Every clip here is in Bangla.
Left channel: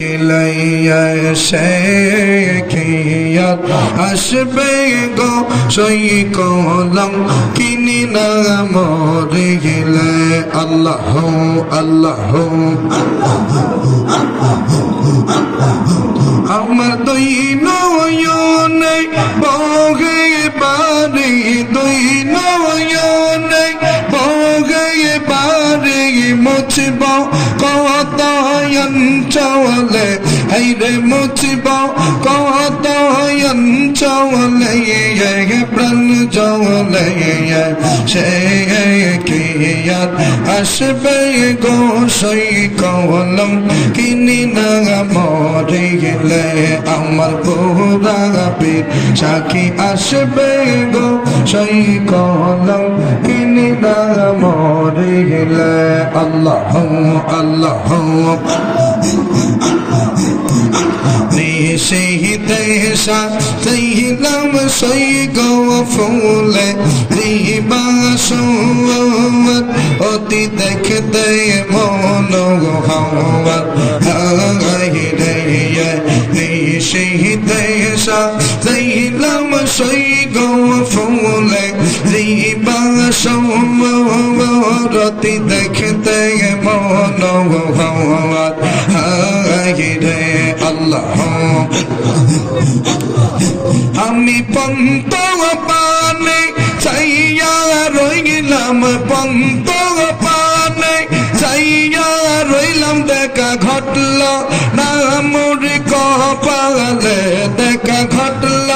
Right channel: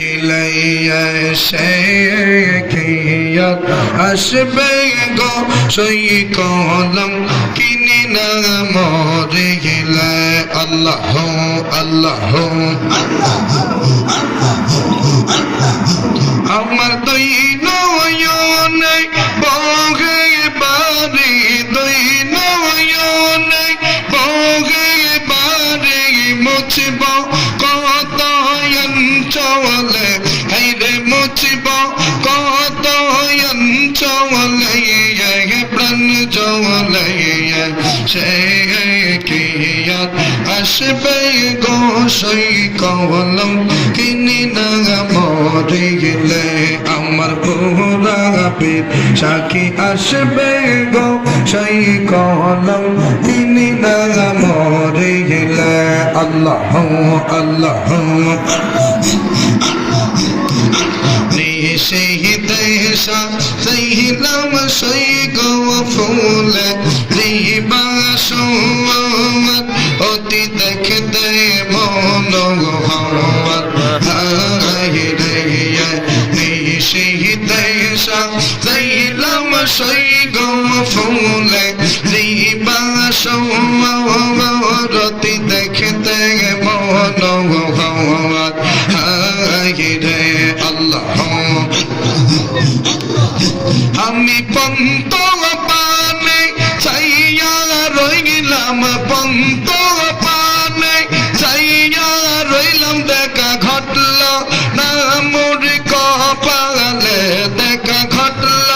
ইলাইয়া শেখিয়াত আসবে গো সই কলম কিনি না মরে গেলে আল্লাহ আল্লাহ আমার দুই নয়নে বগে বাড়ি দুই নয়নে বগে বাড়ি মুছব কত অঞ্চলে হাইরে মুছব কত অঞ্চলে প্রাণ জলে সে কিয়াত আসবে গো সই কলম কিনি না মরে গেলে আমার পুরা পীর সাকি আসবে গো সই কলম কিনি না মরে গেলে আল্লাহ আল্লাহ দেশা সহিলাম সই গো ফুলে রিবাসত অতি দেখতে মন হওয়াত দেশা সহিলাম সই গো ফুলে রিবাসত অতি দেখতে মন হওয়াত আল্লাহ আমি পন্ত পানে চাইয়া রইলাম পন্ত পানে চাইয়া রইলাম দেখা ঘটল না মোর কপালে দেখা ঘটল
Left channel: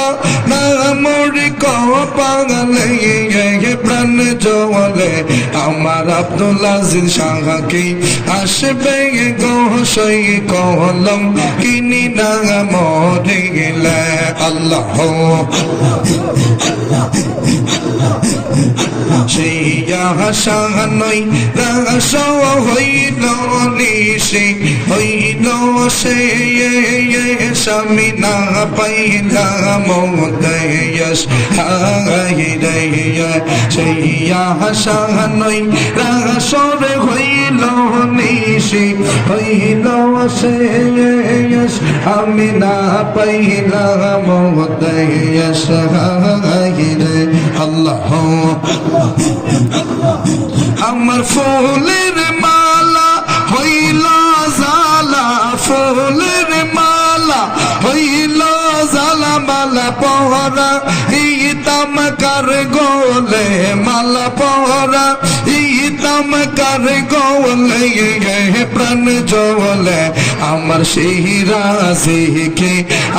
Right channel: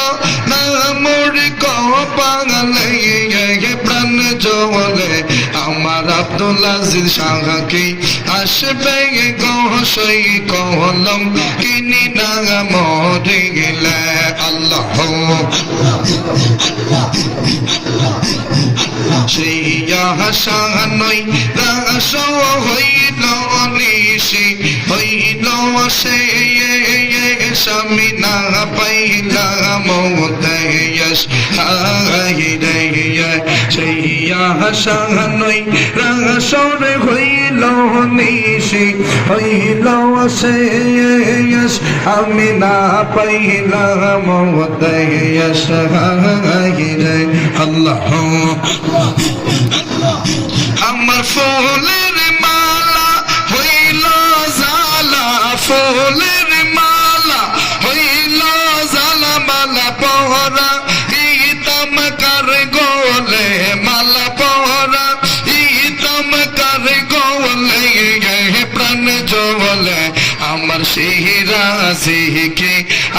না মোর কপালে প্রাণ জলে আমার আব্দুল আজিজ শাহকে আসবে গো সই কলম কিনি না মরে গেলে আল্লাহ শ্রিয়া শাহানই রাস হইল নিশি হইল সে স্বামী না পাইলাম দেশ হাইরে শ্রিয়া শাহানই রাস হইল নিশি হইল সে আমি না পাইলাম দেশ হাইরে আল্লাহ আমার ফুলের মালা হইল জালা ফুলের মালা হইল জালা মালা পহরা ইতাম কার গোলে মালা পহরা ইতাম কার গোলে প্রাণ জলে আমার সিরাজিকে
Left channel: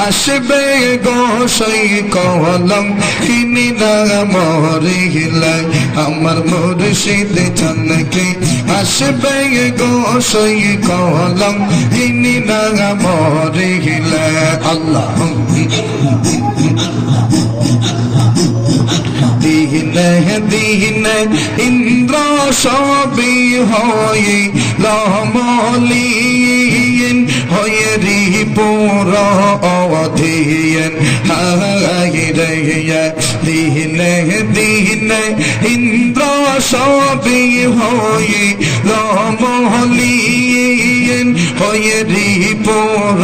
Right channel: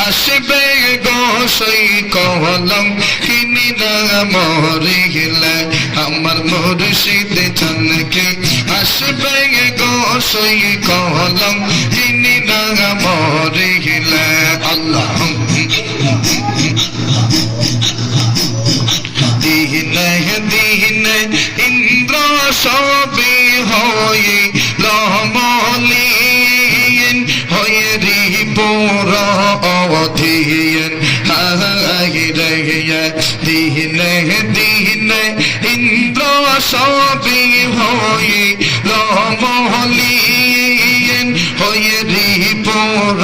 আসবে গো সই কলম কিনি না মরে গেলে আমার মুর্শিদ চানকে আসবে গো সই কলম কিনি না মরে গেলে আল্লাহ দিনে দিনে ইন্দ্র সবি হয়ে লমলিন হয়ে রিপুর অধীন হাইরে দিনে দিনে ইন্দ্র সবি হয়ে লমলিন হয়ে রিপুর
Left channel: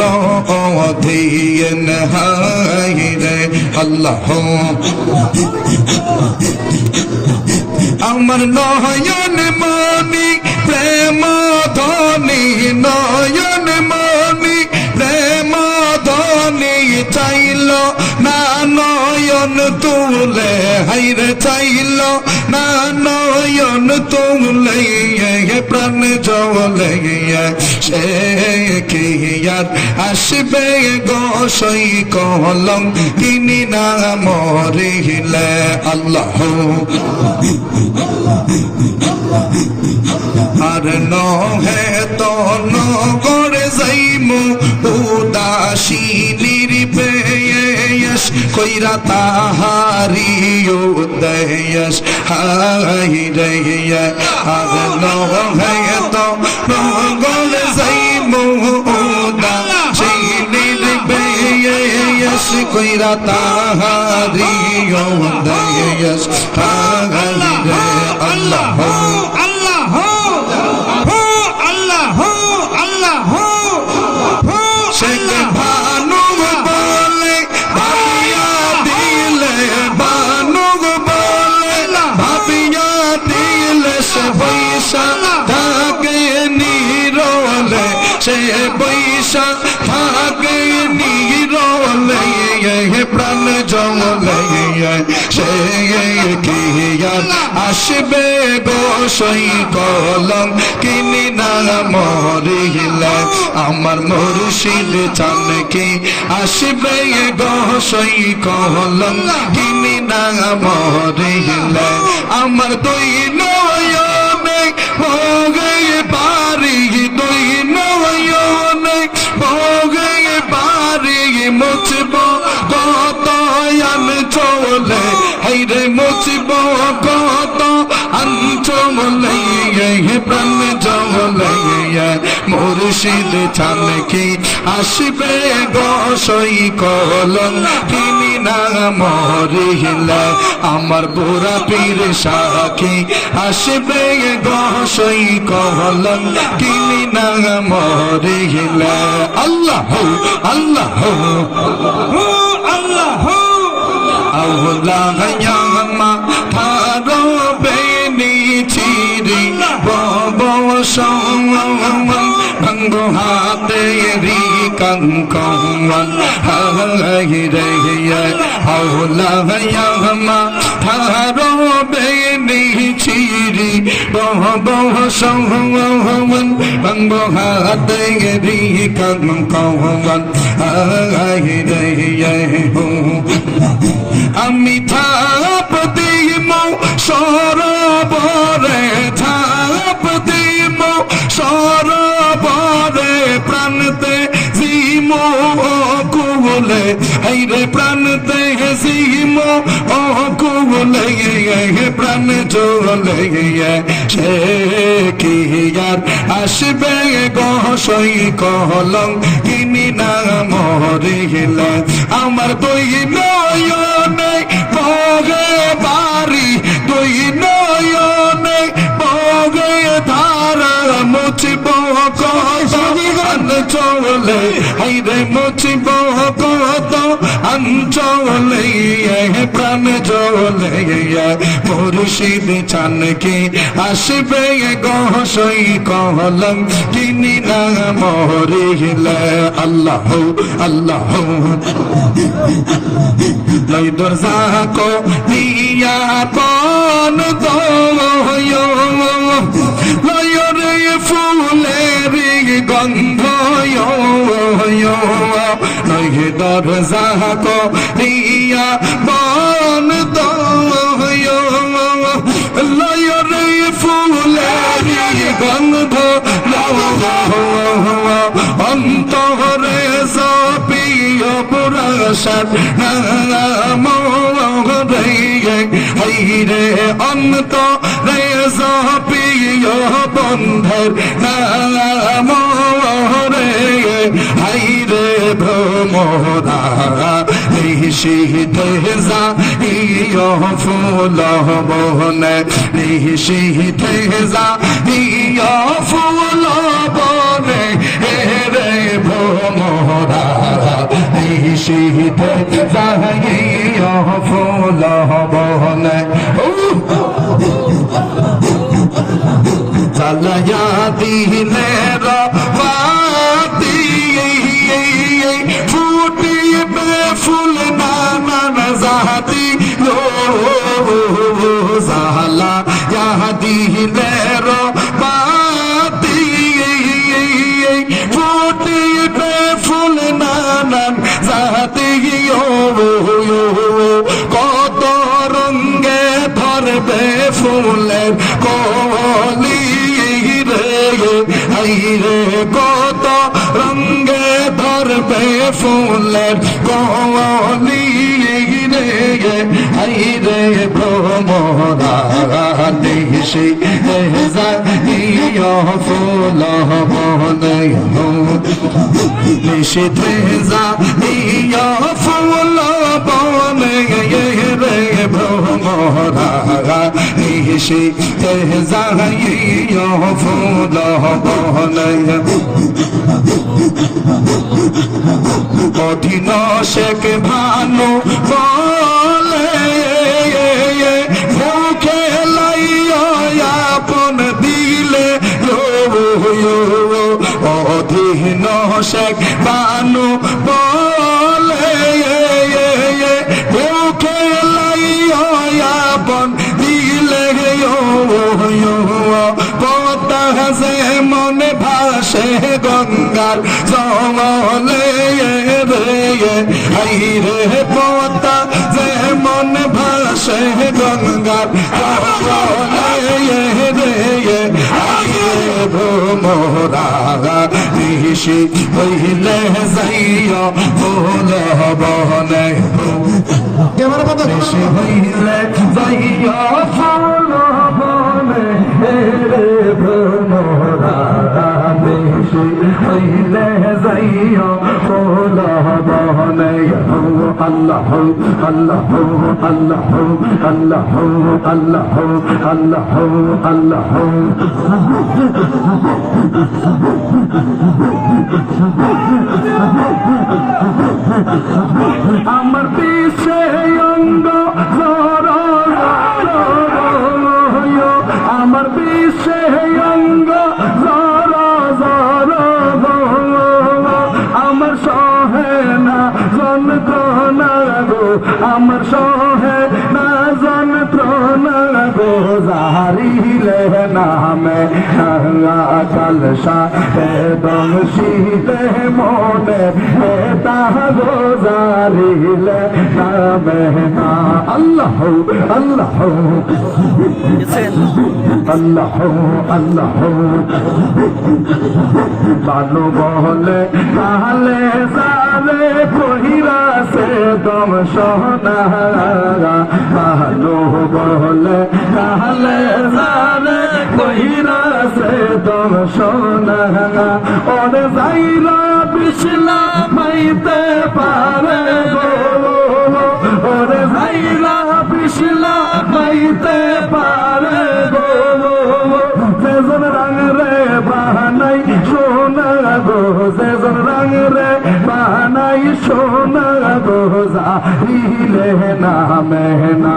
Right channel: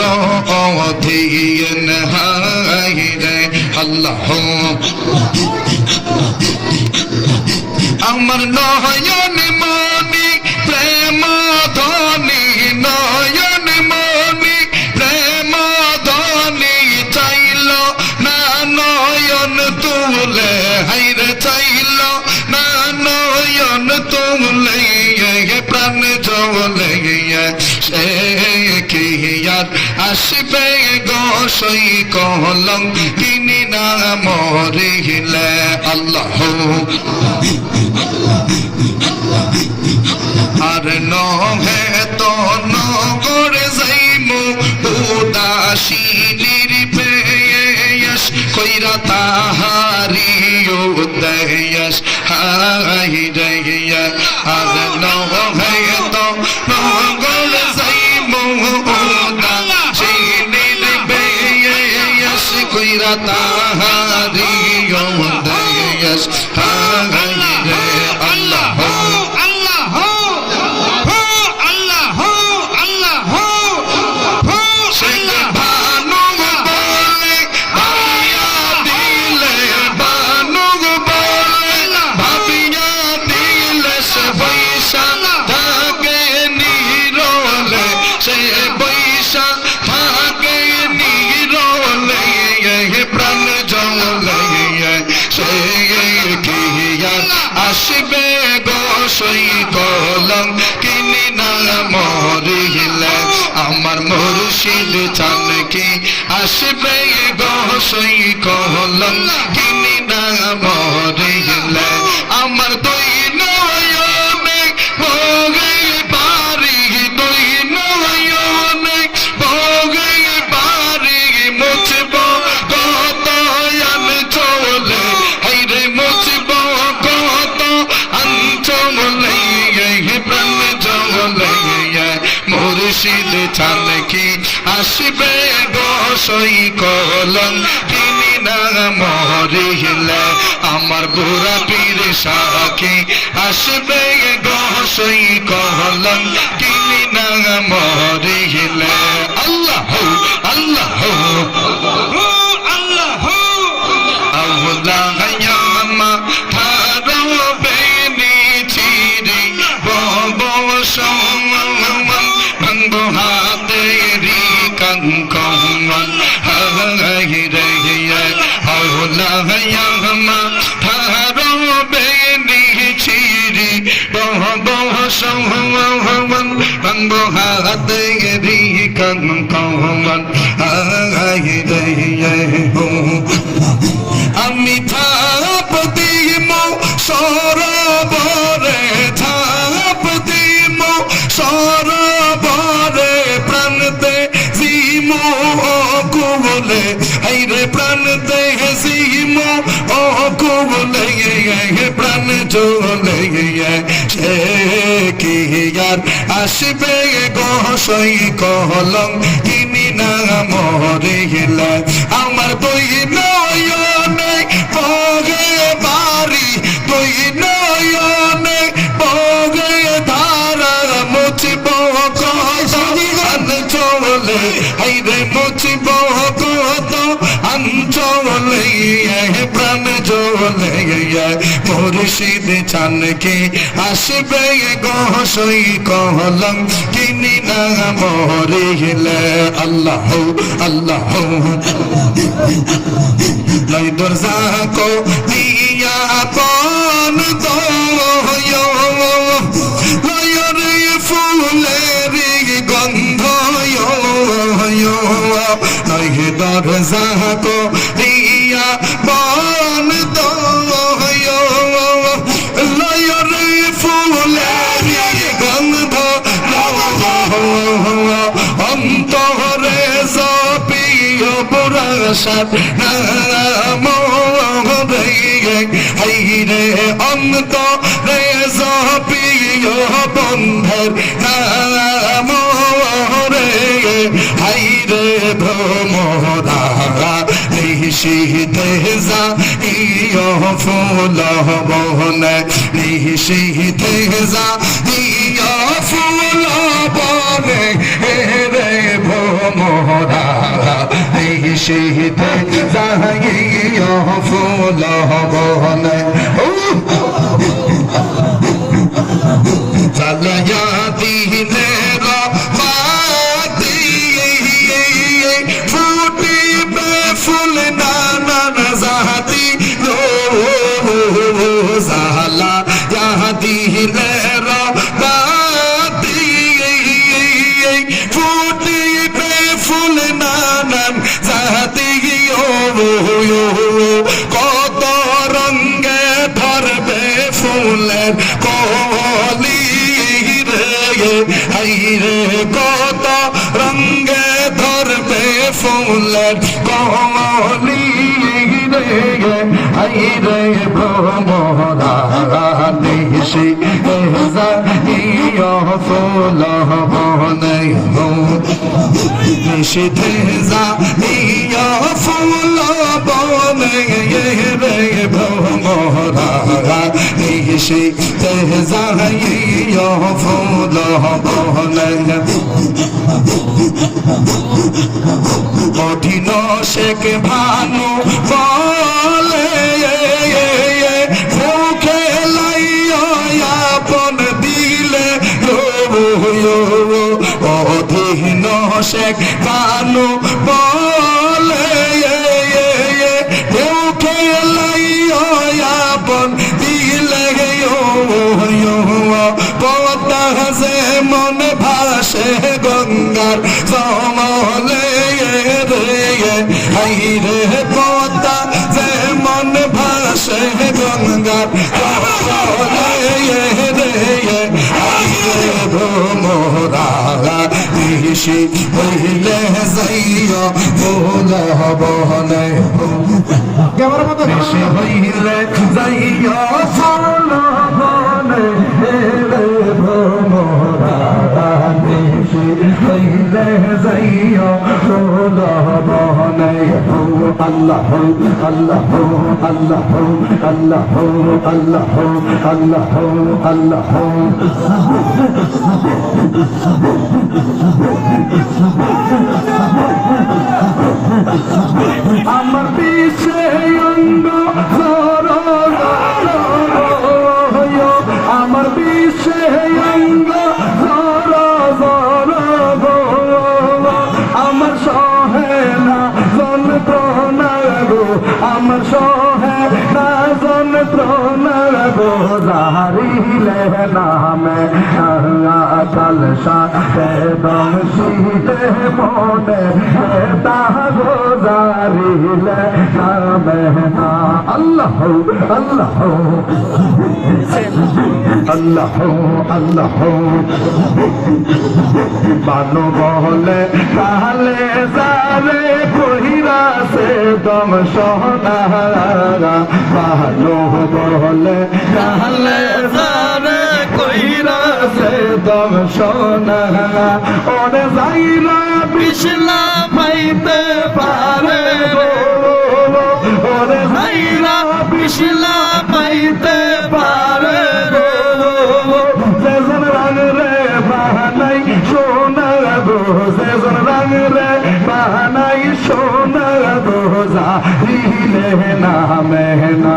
অধীন হাইরে আল্লাহ আমার নয়ন মনি প্রেম ধনি নয়ন মনি প্রেম ধনি চাইল না নয়ন তুলে হাইরে চাইল না নয়ন তুলে প্রাণ জলে সে কিয়াত আসবে গো সই কলম কিনি না মরে গেলে আল্লাহ আর নহে তো নগর যাইমু উদাসী নির্বেশ কইরা তাহারি উদয়স হাইরে আর নহে তো নগর যাইমু উদাসী নির্বেশ কইরা তাহারি উদয়স হাইরে আল্লাহ আল্লাহ আল্লাহ আল্লাহ শেখ ভানু বলে ভাবিয়া দিলে ভানু বলে ভাবিয়া দিলে সে বৈশা থাকে নিরলে সে বৈশা থাকে নিরলে প্রাণ জলে সে কি আসবে বসই কলম কিনি না মরিলে আমার মুর্শিদ চান কি আসবে বসই কলম কিনি না মরিলে আমার দুই নয়নে ভোগে পারি দুই নয়নে ভোগে পারি মুছব কত চলে হাইরে মুছব কত অঞ্চলে প্রাণ জলে মুর্শিদ চান কি আসবে বসই কলম কিনি না মরিলে আমার বুড়া পীর সাকি আসবে বসই কলম কিনি না মরিলে আল্লাহ আল্লাহ আল্লাহ ইয়ামা থারো বেনি চিরি বব সওয়াম ভাঙ্গো হাতে রি কঙ্কওয়ান হাই রে আল্লাহ ইয়ামা থারো বেনি চিরি বব সওয়াম ভাঙ্গো হাতে রি কঙ্কওয়ান হাই রে আমি থাপ দিম সরোবরে থাপ দিম সরোবরে প্রাণতে জিম কুবলে হাইরে প্রাণতে জিম কুবলে প্রাণ চলে সে কি আর আসবে গসই কলম কিনি না মরিলে আমার দুই নয়নে ভোগে বাড়ি দুই নয়নে ভোগে ধারা মুছব কত চলে হাইরে মুছব কত অঞ্চলে প্রাণ চলে মুর্শিদ চান কি আসবে গসই কলম কিনি না মরিলে আল্লাহ আল্লাহ নই দরজা কো দিয়া পন দো নয়রে ফুলের গন্ধ নই দরজা কো দিয়া পন দো নয়রে ফুলের গন্ধ অন্তরে সাপিয় পুরসত হাইরে অন্ত রে সাপিয় বন্ধর রে হাইরে ভ্রমদা নিশিতে যা ইয় ফুল বনে নিশিতে যা ইয় ফুল বনে রে ভ্রমদা নিশিতে যা ইয় ফুল বনে চালায়া দিনের বাতি ফুটিবে ফুল নানান জাতি গো জালা দিনের বাতি ফুটিবে ফুল নানান জাতি কত রঙ্গে ধরবে ফুলের কলি রে কত রঙ্গে ধরবে ফুলের কলি রে রে ভ্রমরা দেশে ফুল বনে নিষেধে যা ফুল বনে রে ভ্রমরা নিশিতে যাইয়া ফুল বনে কঠিন শেখ ভানু বলে মুখে লাইয়া আপন দিলে অধীন শেখ ভানু বলে মুখে লাইয়া আপন দিলে পতা যে মনে ভাসে গঙ্গার জলে রে পতা যে মনে ভাসে গঙ্গার মোরা ঋষি হইলে যাইয়া ভোল বনে ঋষি হইলে যাইয়া ভোল বনে রে ভ্রমরা ঋষি হইলে যাইয়া ভোল বনে আল্লাহ আল্লাহ আল্লাহ আল্লাহ আল্লাহ আল্লাহ আল্লাহ আমার পিছে অঙ্গ আমার পিছে অঙ্গ আমার সহে না যন্ত্রণা গো আমার সহে না যন্ত্রণা গো জাহারিলে নামে কালসা দম শীতে মনে তাহ গো জারিলে নামে আল্লাহ আল্লাহ আল্লাহ আল্লাহ বানু বলে তাহলে সারে কহিরা সে দম সোনারা বানু বলে তাহলে সারে কহিরা সে দম সোনারা ওরে যাইরা পিছলা পাইতে পারে ওরে যাইরা পিছলা পাইতে পারে সেজন রঙ রে বাহানাই সোনা গো সেজন রঙ রে বাহানাই সোনা গো জাহিলে নামে না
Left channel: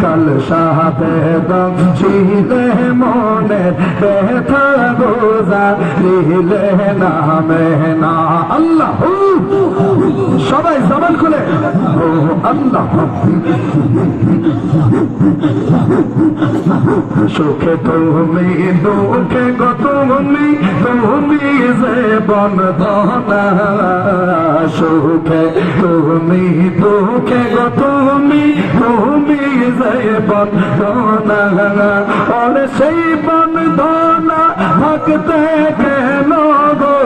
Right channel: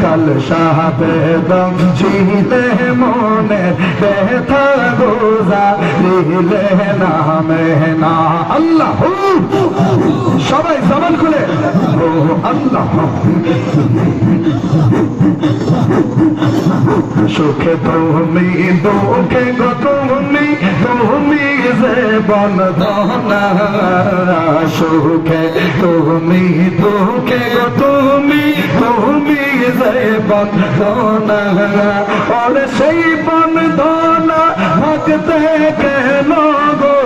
কাল সাপে দম ছিলে মনে ব্যথা গো জাহিলে নামে না আল্লাহ সবাই জবান খুলে ও আল্লাহ সুখে তুমি দুঃখে গো তুমি তুমি যে বন্দনা সুখে তুমি দুঃখে গো তুমি তুমি যে বন্দনা আর সেই বন্দনা হাকতে কেন গো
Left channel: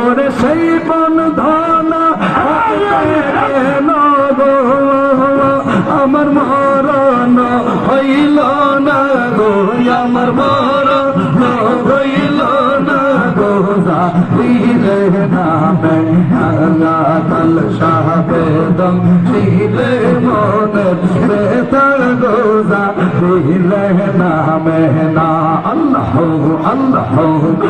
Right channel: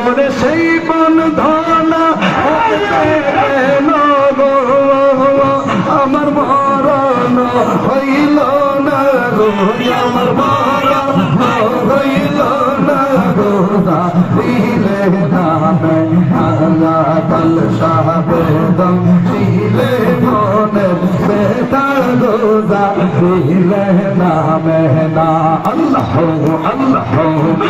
আর সেই বন্দনা হাকতে কেন গো আমার মরণ হইল না গো আমার মরণ হইল